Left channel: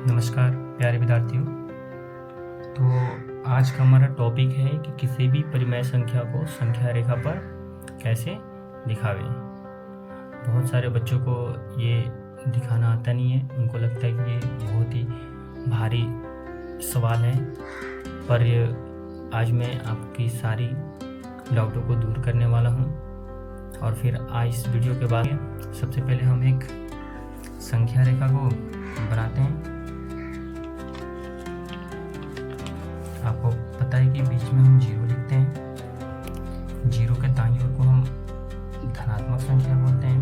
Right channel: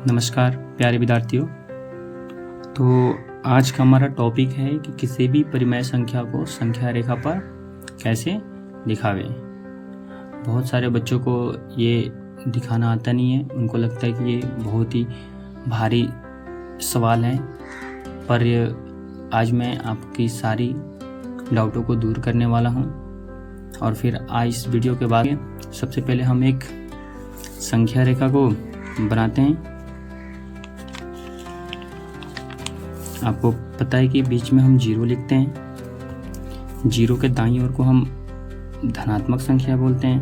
नमस्कार प्यारे विद्यार्थियों। तो आज का हमारा टॉपिक है कि किसी भी परिमेय संख्या को संख्या रेखा पर कैसे दिखावे। बहुत सारे बच्चों को ये दिखाना आता नहीं है, उनको लगता है कि ये बहुत ही भारी सवाल है, पर आज मैं आपकी सारी डाउटों को दूर करने वाला हूँ। और फिर आज इस वीडियो के बाद सबसे पहले हम एक संख्या रेखा को बनाते हैं। आपको पता है कि बीच में हम जीरो लिखते हैं, जीरो के दाईं ओर को हम धनात्मक संख्या बोलते हैं,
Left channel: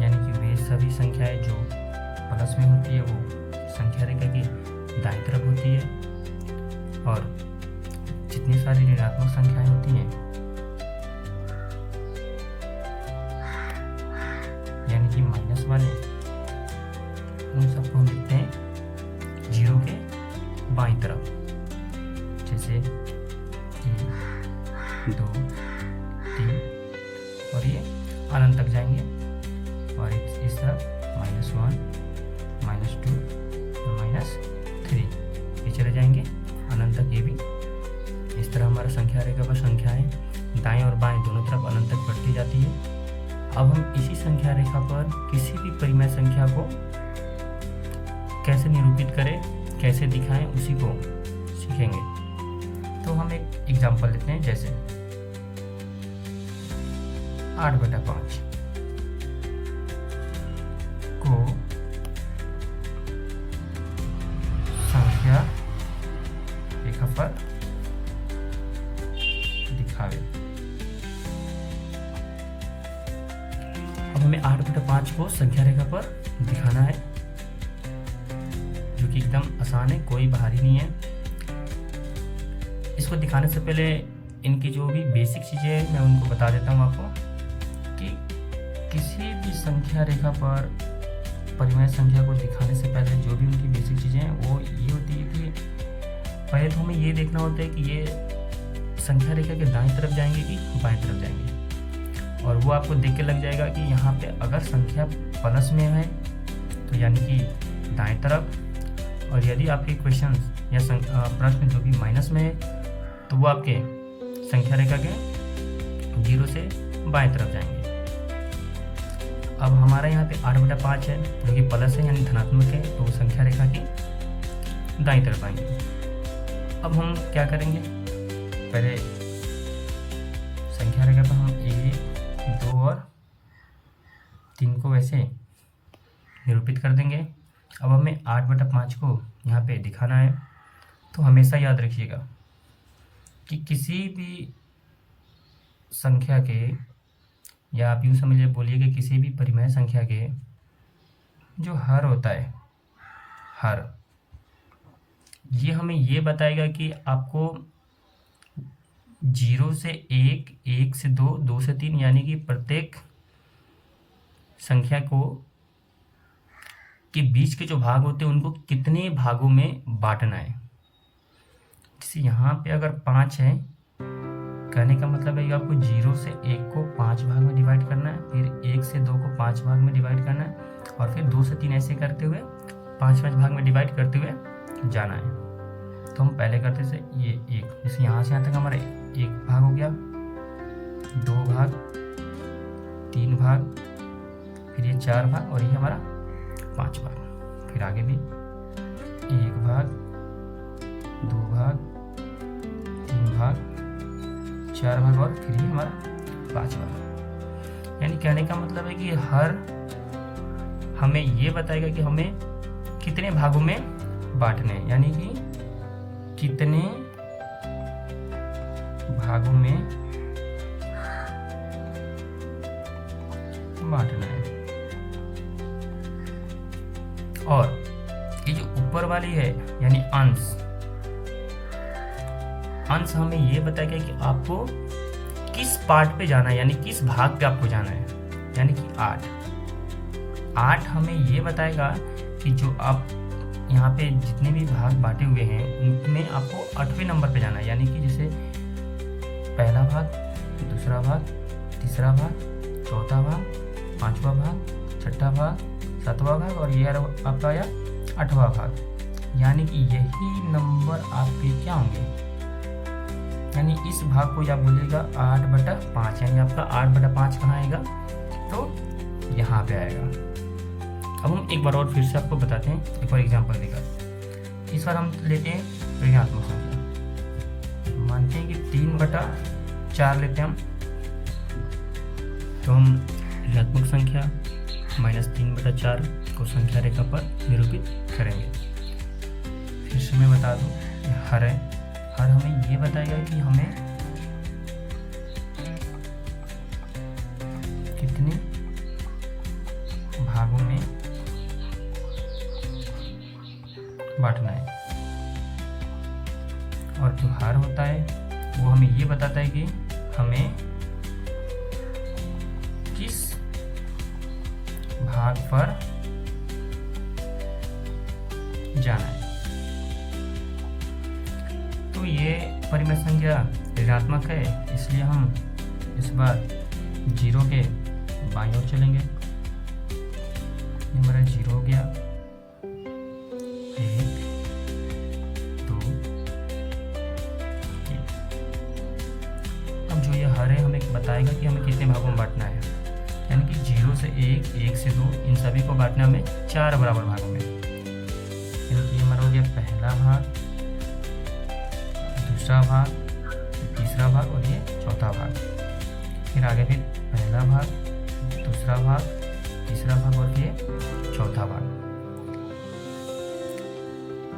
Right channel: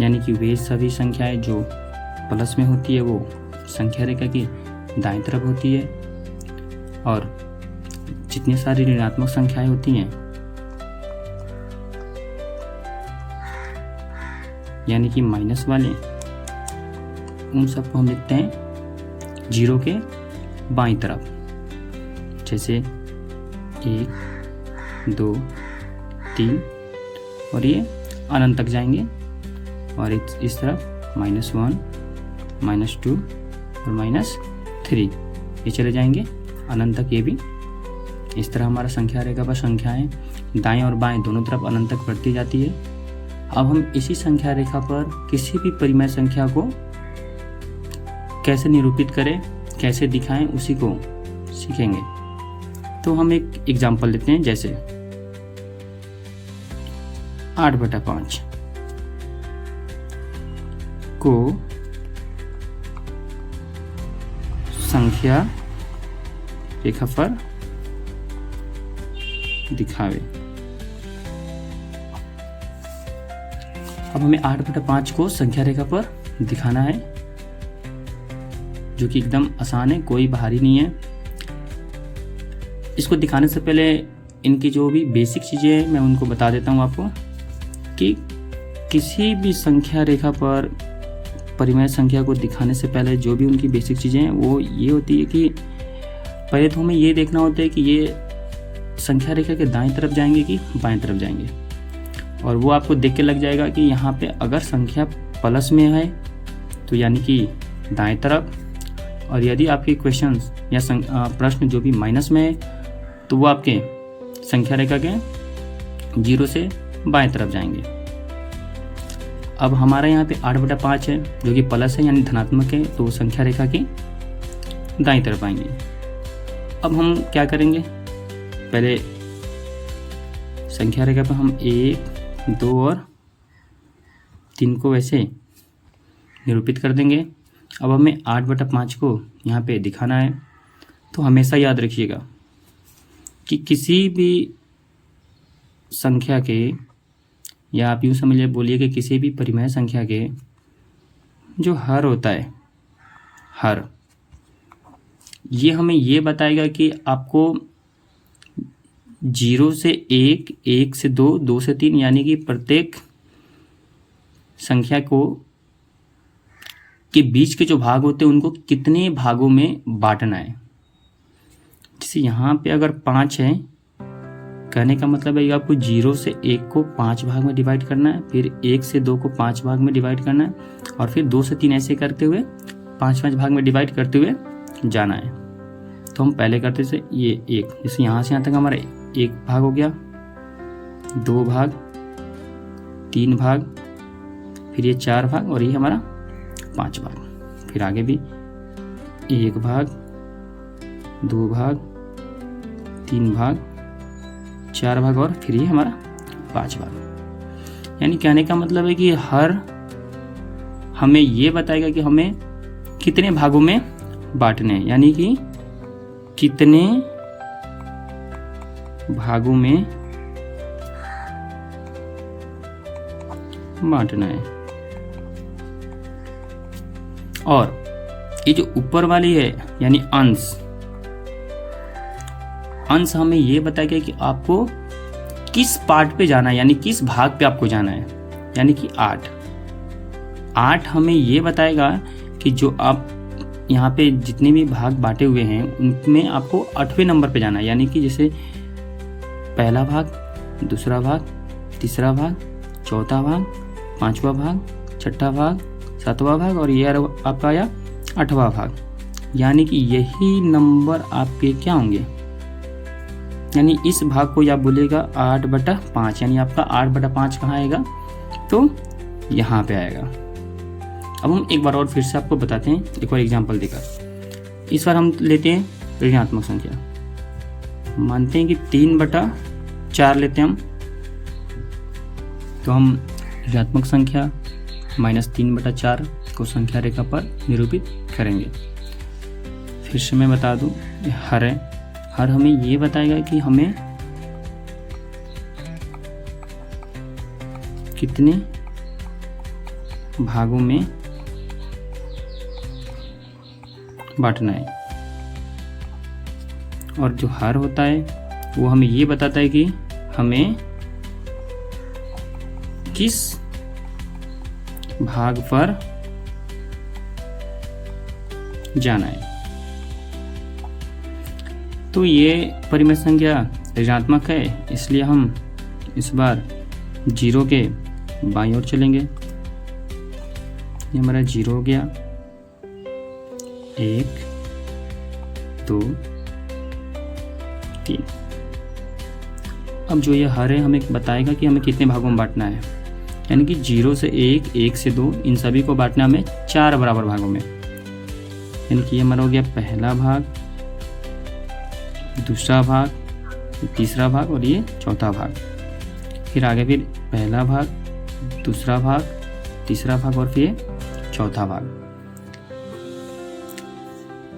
यानी कि वे सभी संख्याएं जो प्लस में होती है वो संख्या रेखा की दाईं तरफ होती है, और जितनी सारी ऋणात्मक संख्याएं होती हैं यानी कि माइनस वाले, उन सबको हम लिखते हैं जीरो के बाईं तरफ। जैसे 1, 2, 3 और ये अनंत तक जाएंगे, और इस तरफ -1, -2 और -3 ये चले जाएंगे अनंत तक। ये भी इस तरह हमारा संख्या रेखा पर संख्याएं दाएं और बाएं दोनों तरफ अनंत तक बढ़ती जाती है। अब हम इसी संख्या रेखा पर किसी भी परिमेय संख्या को कैसे निरूपित करें, कैसे दिखाएं, उसी को सीखेंगे। तो हम एक एग्जाम्पल लेते हैं, जैसे 8/5 को संख्या रेखा पर दिखावे। अब हमें 8/5 को संख्या रेखा पर दिखाना है, जो कि एकदम आसान है, कोई भारी नहीं है। इसको दिखाने से पहले इनकी जो भी बेसिक चीज़ें हैं मैं उनको बता देता हूँ आपको, कि किसी भी संख्या रेखा पर परिमेय संख्या को दिखाने से पहले जो भी उनकी बेसिक चीज़ें हैं वो ये होती है कि पहले तो हमें ये देखना होता है कि ये संख्या रेखा के दाईं तरफ जाएंगे कि बाएं तरफ जाएंगे। और वो आपको देख के लग जाएगा कि यहाँ पे अगर संख्या प्लस में है तो यानी कि दाएं तरफ, और यदि आपके क्वेश्चंस या प्रश्न जो भी माइनस में है तो वो आपके संख्या रेखा के जीरो से बाएं तरफ जाएंगे। अब हमारा यहाँ पे 8/5 है जो कि प्लस है यानी धनात्मक है, तो संख्या रेखा की दाईं तरफ आएंगे। अब हम क्या करेंगे, पहले संख्या रेखा पर हम 1, 2 और 3 को वैसे निरूपित कर देंगे। अब हमें 8/5 को यहाँ पे दिखाना है। तो हमेशा याद रखिएगा कि किसी भी संख्या के, या आप यूँ समझिए बोलिए कि किसी भी परिमेय संख्या के जो हर होता है, हर, ये हमें ये बताएगा कि आपको 0 से 1, 1 से 2, 2 से 3 यानी कि प्रत्येक संख्या को के बीच के जो भाग होते हैं उनको कितने भागों में बांटना है। जैसे यहाँ पे अगर 5 है, कहने का मतलब है कि आपको 0 से 1 को 5 भाग में डिवाइड करना है, फिर 1 से 2 को 5 भाग में डिवाइड करना है, और फिर 2 से 3 ऐसे करते हुए 5 भाग में डिवाइड करते हुए जाना है। तो हम पहले करते थे ये 1, जैसे यहाँ से यहाँ तक हमारा 1 भाग हो गया, 2 भाग, 3 भाग, फिर ये 4 भाग, और ये हमारा 5 भाग। फिर आगे भी 1 भाग, 2 भाग, 3 भाग, 4 भाग, और फिर ये हमारा 5 भाग। यानी कहने का मतलब है कि हर हमें ये बताएगा कि हमें कितने भागों में बांटने हैं, यानी कि कितने भागों में बांटना है। और ये जो ऊपर वाली है यानी अंश हमें ये बताएगा कि आपको किस पार्ट पे जाना है, यानी किस भाग पे आपको जाना है। यानी कि 8 हमें ये बताएगा कि जो आप यहाँ पे जितने भी भाग बांटे हुए हैं उनमें आपको 8वें नंबर पे जाना है। यानी कि जैसे पहला भाग, दूसरा भाग, तीसरा भाग, चौथा भाग, पांचवा भाग, छठा भाग, सातवां भाग और ये आपका आया 8वां भाग। यानी कि यही नंबर आपके क्या होंगे, यानी इस भाग को आप बोलेगा 8/5, यानी आपका 8/5 कहाँ आएगा, तो यहाँ पे आएगा। अब हम एक बार और फिर से आपको बताते हैं, एक और एग्जांपल देकर। इस बार हम लेते हैं ऋणात्मक संख्या, मानते हैं कि 3/4 लेते हैं हम, तो हम ऋणात्मक संख्या -3/4 को संख्या रेखा पर निरूपित करेंगे। फिर से मैं बता दूं, हर है, हर हमें ये बताएगा कि हमें कितने भागों में बांटना है, और जो हर होता है वो हमें ये बताता है कि हमें किस भाग पर जाना है। तो ये परिमेय संख्या ऋणात्मक है, इसलिए हम इस बार 0 के बाईं ओर चलेंगे। ये हमारा 0 हो गया, 1 2 3। अब जो ये हर है हमें बताएगा कि हमें कितने भागों में बांटना है, यानी कि 0 से 1, 1 से 2, इन सभी को बांटना हमें 4 बराबर भागों में। यानी कि ये हमारा हो गया पहला भाग, दूसरा भाग, तीसरा भाग और ये चौथा भाग। फिर आगे फिर पहला भाग, दूसरा भाग, तीसरा भाग और फिर चौथा भाग।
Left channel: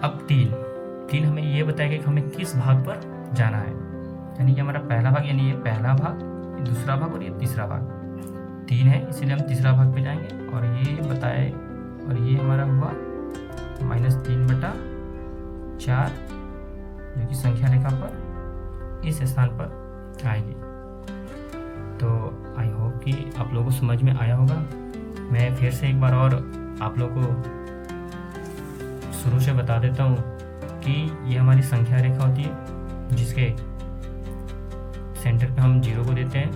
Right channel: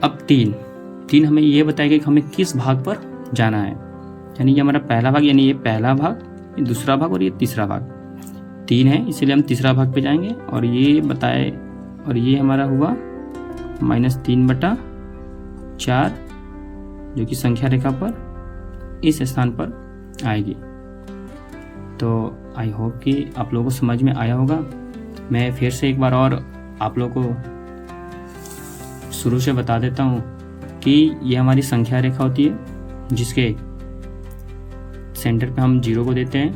अब 3 हमें ये बताएगा कि हमें किस भाग पर जाना है, यानी ये हमारा पहला भाग, यानी ये पहला भाग, ये दूसरा भाग और ये तीसरा भाग। 3 है इसीलिए हम तीसरा भाग पे जाएंगे, और ये बताए, और ये हमारा हुआ -3/4, जो कि संख्या रेखा पर इस स्थान पर आएगी। तो आई होप कि आप लोगों को समझ में आया होगा। मैं फिर से एक बार और आप लोगों को शुरू से बता देता हूँ कि ये हमारी संख्या रेखा होती है, जिसके सेंटर पे हम 0 को देते हैं,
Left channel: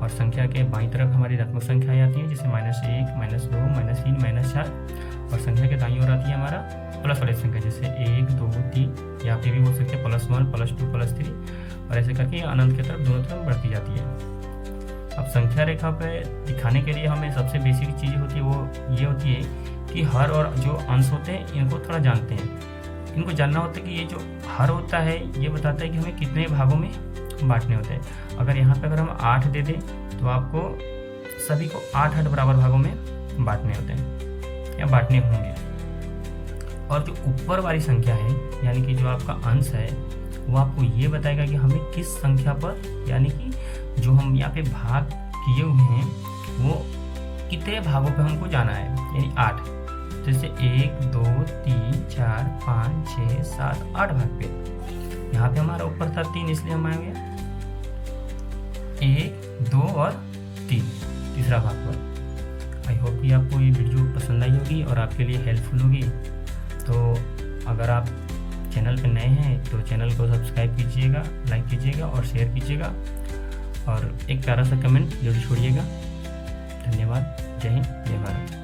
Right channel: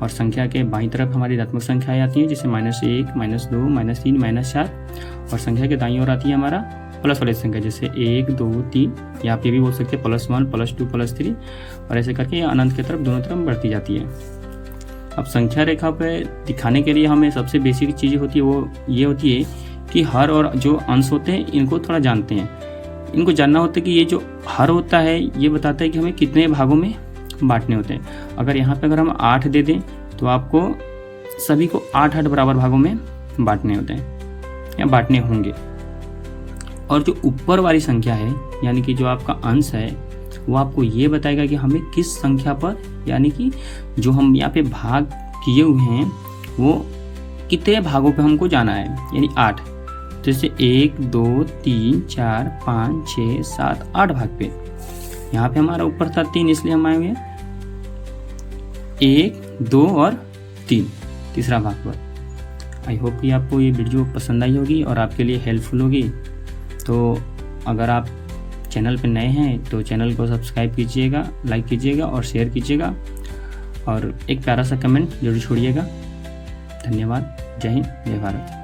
और संख्या के बाईं तरफ हमारी ऋणात्मक संख्या आती है, जैसे -1, -2, -3, -4, और संख्या के दाईं ओर आती है हमारा प्लस वाली संख्या, जैसे 1 2 3, या आप ये भी बोल सकते हैं +1 +2 +3, और ऐसे करके अनंत की तरफ दोनों तरफ बढ़ती जाती है। अब संख्या रेखा पे दिखाने के लिए हमें सबसे बेसिक चीज़ होती है वो ये होती है कि हर और जो अंश होते हैं इनको थोड़ा जानते हैं। इनको जानना होता है कि ये जो हर होता है ये बताता है कि हमें कितने भागों में बांटने होते हैं। अगर यहाँ पे अगर हम 8 दे दें तो आपको सभी को 8-8 बराबर भागों में बांटने होते हैं या बांटने होंगे। और जो ऊपर वाली संख्या है, यानी कि जो आपका अंश है, वो आपको ये बताएगा कि हमें किस संख्या पर, यानी कि जो हम यहाँ पे भाग किए हुए हैं वो कितने भागों पे हमको जाना है, यानी 8। जैसे 1 2 3 4 5 6 7 8 भाग पे। यहाँ पे हमारा ऊपर था 3, इसलिए हम आएंगे 1 2 और 3 तीसरा भाग पर। आई होप कि आपको ये वीडियो पसंद आई होगी और आपके लिए हेल्पफुल होगी। तो अगर आप चैनल पर नए हैं तो चैनल को सब्सक्राइब कीजिएगा, लाइक कीजिएगा और शेयर कीजिएगा, और एक प्यारा सा कमेंट जरूर छोड़िएगा। धन्यवाद। जय हिंद, जय भारत।